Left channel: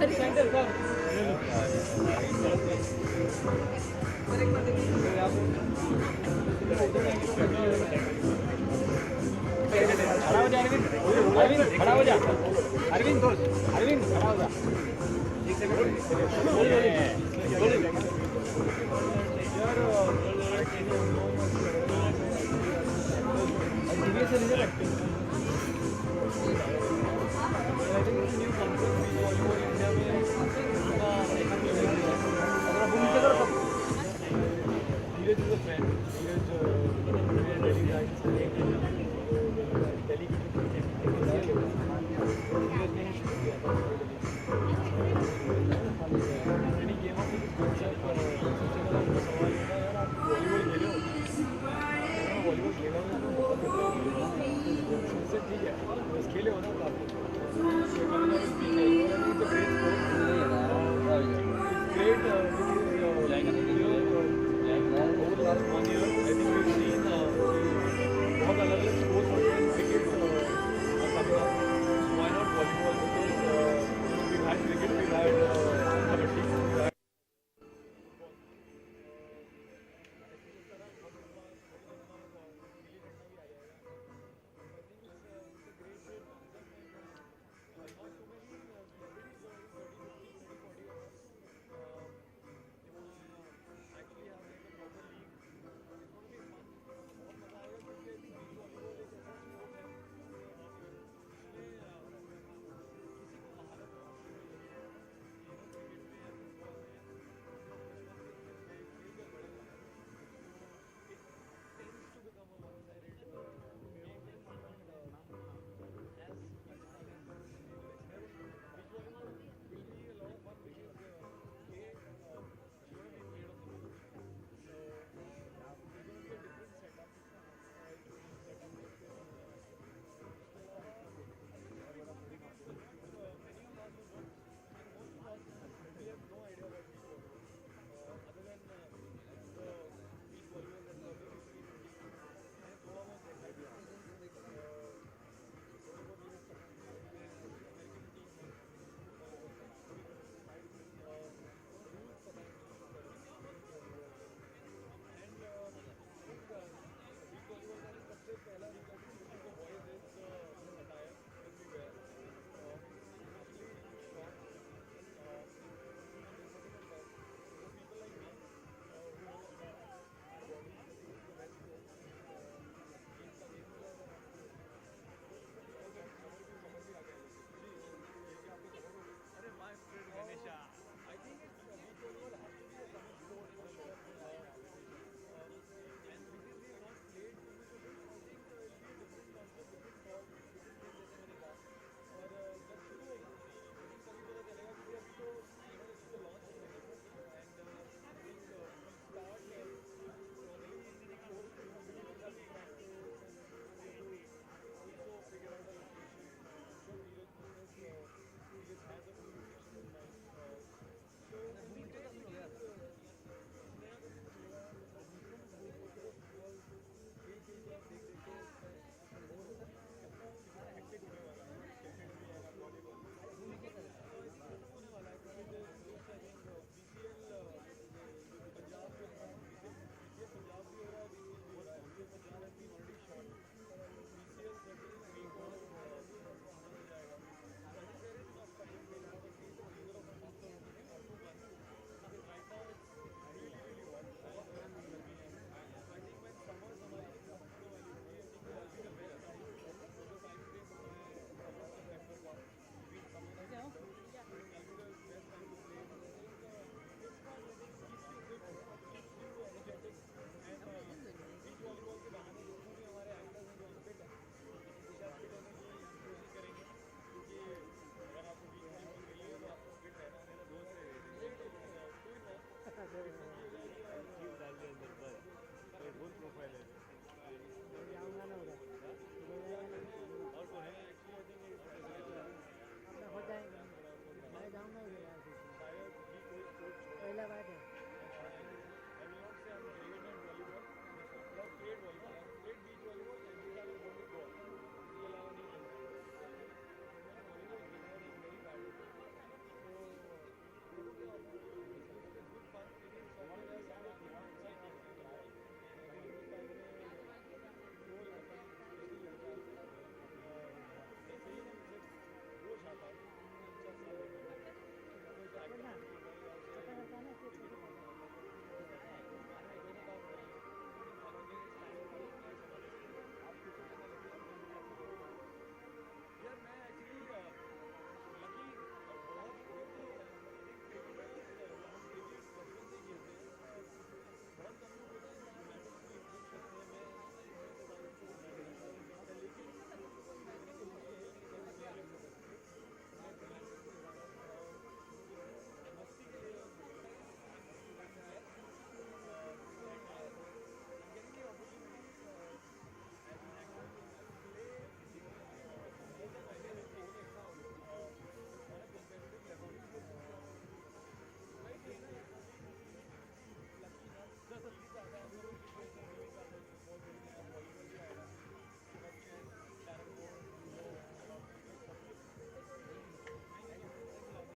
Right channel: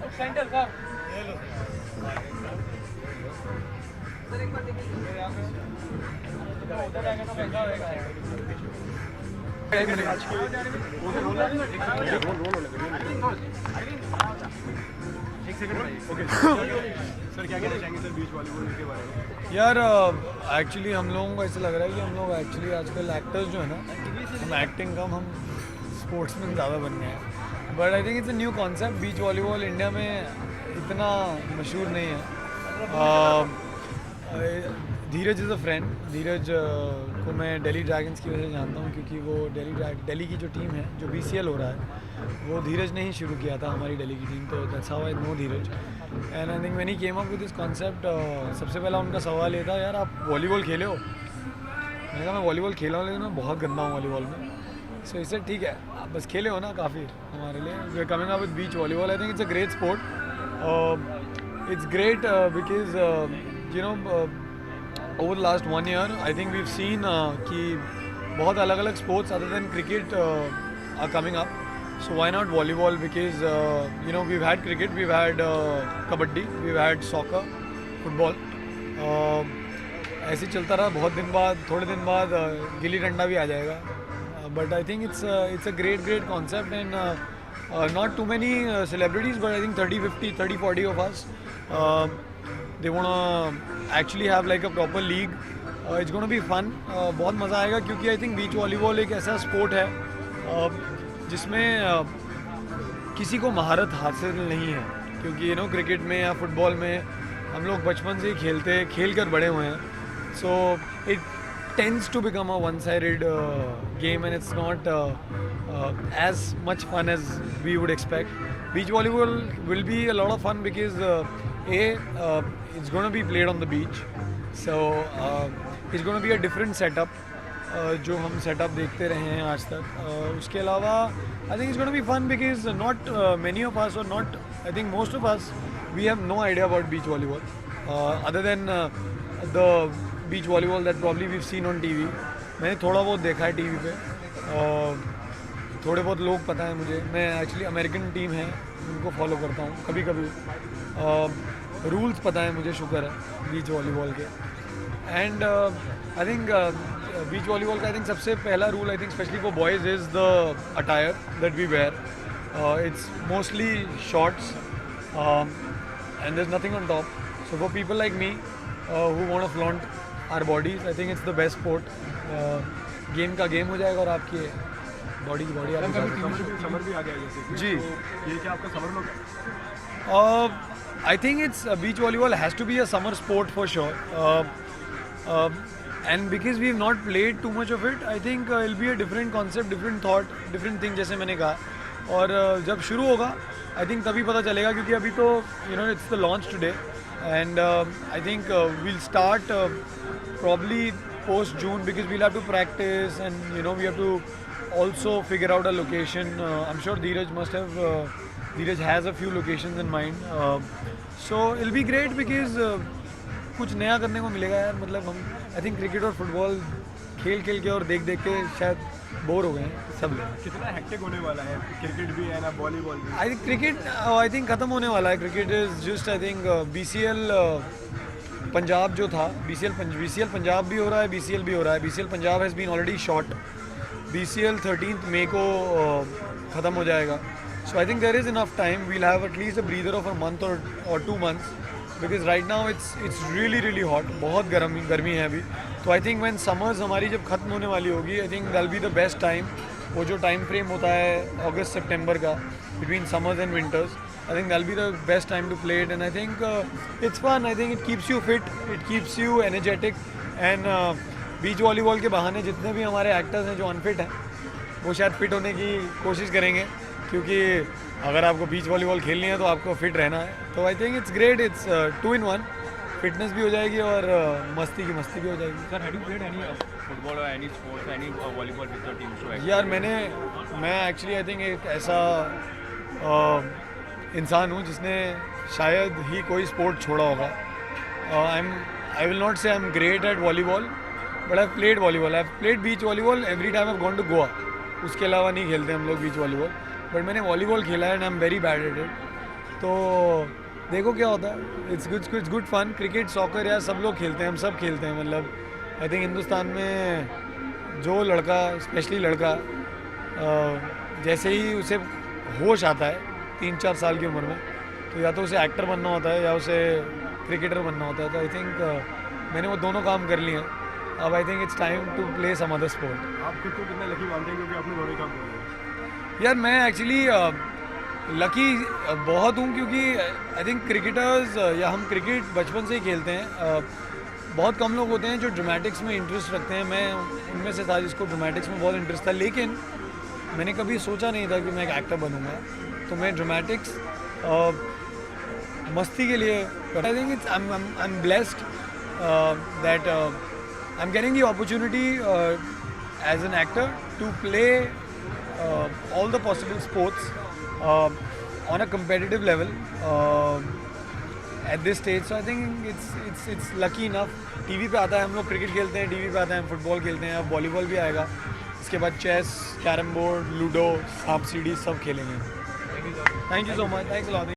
Centre sir ले लो उधर आगे तो बैठा होएगा खड़ा हो जा अरविंद खड़ा हो जा अरविंद अरविंद खड़ा हो जा यार एक्चुअली हम लोगों को ऐसा लग रहा है कि हम लोग एक्चुअली आजकल एक्टर्स जो हैं एक्टिंग कम हम स्पोर्ट्स में ज़्यादा बन गए हैं but I think it's a new concept beach volleyball India में इतना मशहूर नहीं है धीरज इज़ अ फ्रेंड धीरज को मैं दिल्ली ड्रैगन्स की वजह से जानता हूँ क्योंकि वो दिल्ली की जो टीम है जो BCL हो रहा है वो धीरज ने ही शुरू किया था हमारी दिल्ली की टीम तो अच्छा हुआ दो धीरज एंड आई थिंक मैंने came up with this concept सबसे पहला उनका सवाल ये था यार आप वॉलीबॉल खेले हो मैंने कहा मैं वॉलीबॉल खेला हूँ लेकिन मैं बहुत गंदा हूँ वॉलीबॉल में सो इससे ठीक है बस खेले हो ना काफ़ी हमारे लिए coming up with beach volleyball I think it's a great sport it's great because you know over the last 1 year, I think we've seen कि बहुत अलग अलग sports other than cricket are coming up. So why not volleyball? Because you know we've had cricket, we've had kabaddi, we've had soccer, football. ऐसे चलता रहा बहुत दिन बाद थोड़े दिन बाद गिल्ली डंडा भी आ जाएगा. But I think it's a great concept and not too many celebrities, but I think 30, 50, 30, 40 of us. They wanna actually have like a proper league. It's gonna be fun. बहुत मज़ा आएगा क्योंकि I think बीच वॉलीबॉल एक ऐसा sport है जिसमें किसी को महारत हासिल नहीं है क्योंकि यू नो क्रिकेट में या फुटबॉल में हम लोग बचपन से ही खेल कर बड़े हुए हैं so it tends to become a one-sided game and it's not as much fun as we would expect. Beach volleyball will be a lot of fun because it's going to be played on the beach, so it's going to be a different setup. जो हम setup देखते रहे हैं आज तक उसके अलावा I think it's gonna be fun because not many of us और not I think most of us we have no idea about beach volleyball other than the beach volleyball that probably we've seen on TV मैंने थोड़ा बहुत देखा है TV पे थोड़े बहुत लोग पता है मुझे मैं एक्चुअली अमेरिकन टीम है उनको फॉलो करता हूँ कभी कभी रूल्स पता है मुझे शुक्र है बीच वॉलीबॉल के and I think beach volleyball का आई थिंक सबसे पहला rule I think specially for boys is the attire that we wear it's mostly shorts and there is nothing on top so for people like me who want to flaunt our bodies I think it's the best sport game का game हो जाएगा और आपकी body की body summer भी आ गया जैसे जी ये क्या आपका समर लोग I think it's beach volleyball has to be a summer sport for sure. And because we've not played too much of it, I think it'll be a different concept, different thought, different thing जैसे मैंने कहा और जब शुरू होगा I think तभी पता चलेगा क्योंकि अभी तो you know it's the launch today and I think we'll start probably post June because we'll have to practice and you know we have to also figure out a location. I'm sure Dheeraj has a few locations in mind. So it'll be great because कुछ नया करने को मिलेगा यार मतलब हम I think cricket और football खेल के और देख के शायद बोर हो गए हैं सब लोग कितना हेक्टिक होने वाला है क्रिकेट भी है ना वॉलीबॉल भी I think cricket I think ख़त्म होने वाला है cricket is just I think BCL Punjab जो था BCL पंजाब भी हो रहा है BCL भी हो रहा है BCL Punjab has been already shot BCL 13 मई को ख़त्म हो जाएगा So I think there is enough time. We'll have at least a breather of a month or 2 months because right now it's really hot. बहुत गर्मी है अभी. तो I think when summers हमारी जब खत्म होने वाली होगी, I think that'll be the best time. वो जो time frame होता है August September का between summers and winters, I think that'll be the best time to play it. And I think it's fun. I think it keeps you fit. It keeps you energetic. And beach volleyball के बहाने जितने भी हमारे actors हैं जो unfit हैं, वो शायद fit होने की कोशिश करेंगे. क्योंकि अगर आपको बीच वॉलीबॉल खेलनी है तो आपको फिट रहना है तो I think it's great it's 2 in 1 fitness भी हो जाएगी और मस्ती भी हो जाएगी sir have you played any football और any sports any volleyball with your team so यार मैं एक्चुअली आई थिंक एक ऐसा इंसान हूँ जिसने शायद ही कोई स्पोर्ट छोड़ा होगा आई will not say I am great at volleyball but I played volleyball I played beach volleyball every time I gone to Goa उसके अलावा नहीं खेलते हम लोग बीच वॉलीबॉल बट मैंने वॉलीबॉल खेला है and I am very bad at it तो देखो क्या होता है. It's good fun. Cricket, soccer यार सब लोग खेलते हैं, हम सब खेलते हैं. मतलब आई थिंक हिंदुस्तान में जो लड़का, स्पेशली लड़का, जैसे ही उसे होश आता है 3-4 साल की उम्र में, तो या तो उसे एक्टर बनना होता है या उसे क्रिकेटर बनना होता है. तो आई थिंक मैंने वो दोनों काम कर लिए हैं. अब I think it's time to play some other sport. आप खुद को कितना लकी मानते हैं क्योंकि आपने दोनों ही काम कर लिया? यार मैं एक्चुअली लकी बहुत हूँ, क्योंकि आई थिंक क्रिकेटर्स या हम क्रिकेट बचपन से ही खेलते हैं. बहुत कम लोग होते हैं जो ड्रामेटिक्स में इंटरेस्ट रखते हैं. मैं उनमें से था जिसको ड्रामेटिक्स में बहुत इंटरेस्ट था, लेकिन मैंने कभी सोचा नहीं था कि मैं एक एक्टर बनूंगा. तो मैं ड्रामेटिक्स मस्ती के लिए करता. I think it's I am blessed that I am getting the opportunity as an actor to play all the possible sports on a competitive level at this stage. So I think it's lucky enough. TV पे आता है, हम लोग cricket खेलते हैं, TV पे आता है हम फुटबॉल खेलते हैं, अब वॉलीबॉल भी आएगा. इसके बाद चेस, कैरम बोर्ड, लूडो, सांप सीढ़ी सब खेलेंगे. Thank you so much. Thanks a lot.